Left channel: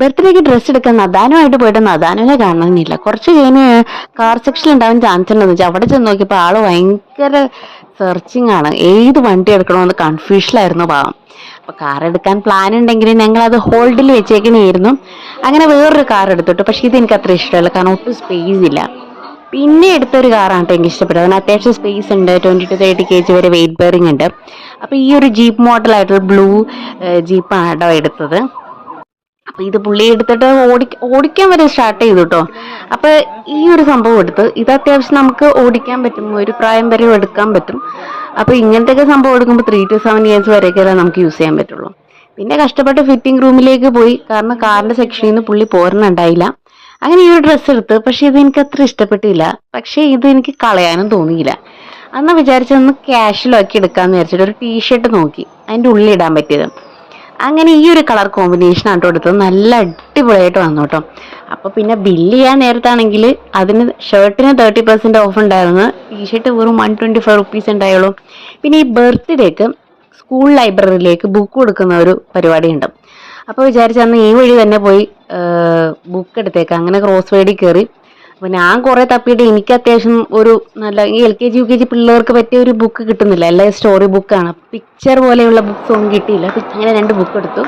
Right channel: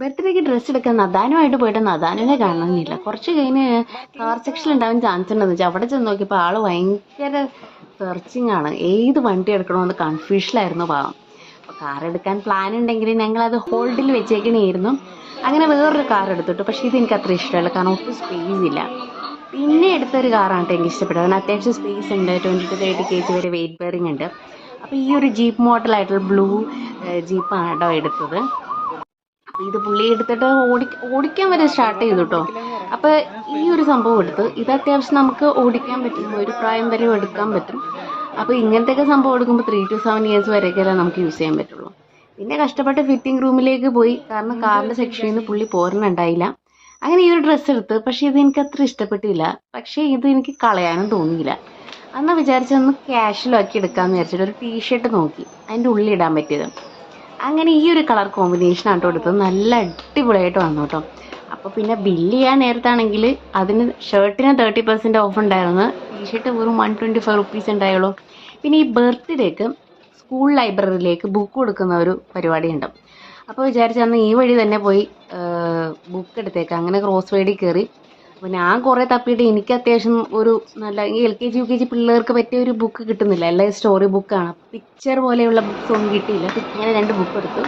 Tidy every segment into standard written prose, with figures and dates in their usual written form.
ബർത്ത്ഡേക്ക് ഡ്രസ്സ് എടുക്കാൻ നദാനുമായിട്ട് പോയിട്ട് നദാനുവിനെ കാണണമെന്നില്ല. കുറച്ച് കഴിഞ്ഞ് കാർ സെക്ഷനിൽ ഉണ്ടാവാൻ ചാൻസ് ഉണ്ടെന്ന് വെച്ചാൽ അവിടെ ചെന്ന് നോക്കിയപ്പോൾ ആള് ഭയങ്കര സെർച്ചിങ് ആണ്. ഏത് വണ്ടി എടുക്കണമെന്ന് കൺഫ്യൂഷനിലായിരുന്നു പാവം. അപ്പൊ കാർ എടുക്കാൻ പ്ലാൻ ഉണ്ടെങ്കിലും ഞങ്ങൾ അത് ഹോൾഡിൽ വെച്ചേക്കണായിരുന്നു. അങ്ങനെ വേറൊരു കാർ എടുത്തിട്ടു. പക്ഷെ ഇത് എനിക്ക് അത്ര ഇഷ്ടമല്ല, കാരണം ഒട്ടും സ്പേസ് ഇല്ല. പിന്നെ എടുത്തൊരു കാറാണ് കേട്ടോ എനിക്ക് ഇഷ്ടപ്പെട്ടത്. അതിന് അത്യാവശ്യം സ്പേസ് ഉണ്ട്, 20 to 30 kg വരെ വെയിറ്റ് ബെയറിംഗ് ഉണ്ട്. അപ്പൊ ഈ ഒരു ജീപ്പ് മോഡലായിട്ടുള്ള ബ്ലൂ ജീപ്പാണ് കേട്ടോ എടുത്തത്. അപ്പൊ ഇത് പുള്ളി എടുത്തിട്ട് ഓടിക്കാൻ വരെ സ്റ്റാർട്ട് ചെയ്തു കേട്ടോ. അപ്പൊ ഈ ഒരു സംഭവം എടുത്ത് ഇത് അത്യാവശ്യം നമുക്ക് ഓടിക്കാൻ പറ്റും, ഒരു പ്രായം വരെ എടുക്കാൻ പറ്റും. അപ്പൊ ഇങ്ങനത്തെ സംഭവം എടുക്കുമ്പോൾ 3 to 7 years വരെയൊക്കെ നമുക്ക് യൂസ് ചെയ്യാൻ പറ്റുള്ളൂ. പിന്നെ കഷ്ടപ്പെട്ട് ഫിറ്റിംഗ് റൂമിലേക്ക് പോയി, കാരണം കാറിന്റെ സെക്ഷനിൽ നിന്ന് പുള്ളി പോരണുണ്ടായില്ല. അങ്ങനെ ഈ ഒരു ഡ്രസ്സ് എടുത്ത്, പക്ഷെ ഇത് എനിക്ക് അത്ര ഇഷ്ടപ്പെട്ടില്ല. പക്ഷെ ഇത് എനിക്ക് കളയാനും തോന്നിയില്ല. അന്ന് വിചാരിച്ചൊന്ന് ക്യാഷ്വലാക്കി എടുക്കാന്ന് വിചാരിച്ചിട്ട് ഒരു ടീഷർട്ട് നോക്കി, അതിന്റെ ഉള്ളിൽ ഇടാൻ പറ്റിയത്. അങ്ങനെ ഈ ഒരു കളർ കോമ്പിനേഷൻ ആട്ടോ എടുത്തത്. നല്ല അടിപൊളിയായിട്ട് വന്നു കേട്ടോ. അപ്പൊ പിന്നെ ബില്ല് ചെയ്യാൻ നേരത്താണെങ്കിൽ അതിന് ഷർട്ടിന് 30% ഓഫ് ഉണ്ടായിരുന്നു, ടീഷർട്ട് വെറും 125 rupees ഉണ്ടായുള്ളൂ. പിന്നെ ഈ ബർത്ത്ഡേക്ക് സ്കൂൾ ലൈബ്രറിയിലേക്ക് ബുക്ക് കൊടുക്കുന്ന ഒരു പരിപാടി ഉണ്ട്. അപ്പോൾ വിചാരിച്ച അന്ന് ഈ വഴി തന്നെ പോയി ബുക്ക് എടുത്തേക്കാം. അങ്ങനെ ക്രോസ് വഴി കയറി. അപ്പൊ ഞാൻ കുറെ തപ്പിയിട്ട് എനിക്ക് അത്യാവശ്യം ഒരു നല്ല ഈ LKG UKG പിള്ളേർക്ക് പറ്റിയ ഒരു ബുക്ക് കിട്ടുന്നില്ല, എല്ലാം സ്റ്റോറി ബുക്കാണ്. പിക്ചർ പോലെയുള്ള ബുക്സ് ഒന്നും കിട്ടിയില്ല. അങ്ങനെ 2 ബുക്ക് എടുത്തു.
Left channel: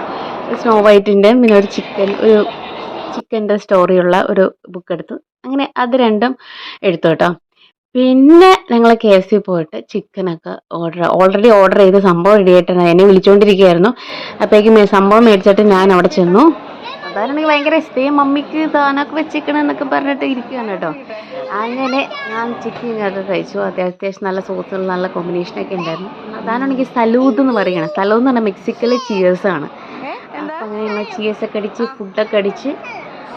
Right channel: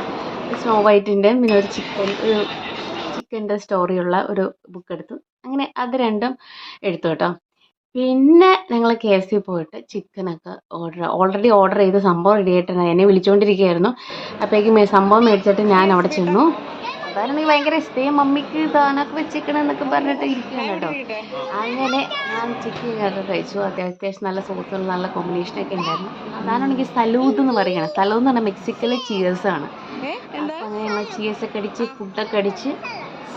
സ്നോ വൈറ്റിന്റെ, പിന്നെ ഒരു ചിക്കൻ്റെ സ്റ്റോറിയുള്ള ഒരു ബുക്ക് എടുത്തു. അങ്ങനെ അത് രണ്ടും എടുത്തു കേട്ടോ. പിന്നെ ഞങ്ങൾ KFC പോയിട്ട് ചിക്കനൊക്കെ ഓൾറെഡി ഓർഡർ ചെയ്ത് സംഭവം റെഡി ആയിട്ട് എന്നെ വിളിച്ചുകൊണ്ടിരിക്കുകയായിരുന്നു. അപ്പോഴേക്കും സംഭവം മേടിച്ചിട്ട് ഞാൻ അവിടെ ചെന്നു. അതാണെങ്കിൽ ഭയങ്കര ഇഷ്ടം, മമ്മിക്ക് സാധനമൊക്കെ വെച്ചിരിക്കണം എന്നൊക്കെ പറഞ്ഞിട്ട് ഇരിക്കുകയാണ് കേട്ടോ. അങ്ങനെ ഞാൻ ചിക്കനൊക്കെ കഴിച്ചു. അത്യാവശ്യം നല്ല സോസുള്ള നല്ല കോമ്പിനേഷനൊക്കെ ഉണ്ടായിരുന്നു. അതാണെങ്കിൽ സലൂദ് എന്ന് പറയുകയാണ്. സലൂദ് എന്ന് പറഞ്ഞാൽ മെക്സിക്കോയിലെ ചിയേഴ്സാണ്. അപ്പം അങ്ങനെ ഞങ്ങൾ ചിയേഴ്സൊക്കെ അടിച്ച് ഫുഡൊക്കെ അടിച്ച്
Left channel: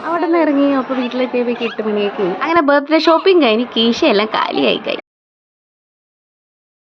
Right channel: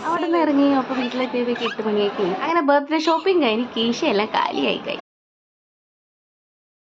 അവിടെ നിന്ന് ഇറങ്ങി. അപ്പോൾ വീട്ടിലെത്തിയപ്പോൾ 8 മണിയൊക്കെ. അങ്ങനെ ബർത്ത്ഡേ ഷോപ്പിംഗ് കഴിഞ്ഞ് കീശയെല്ലാം കാലിയായി.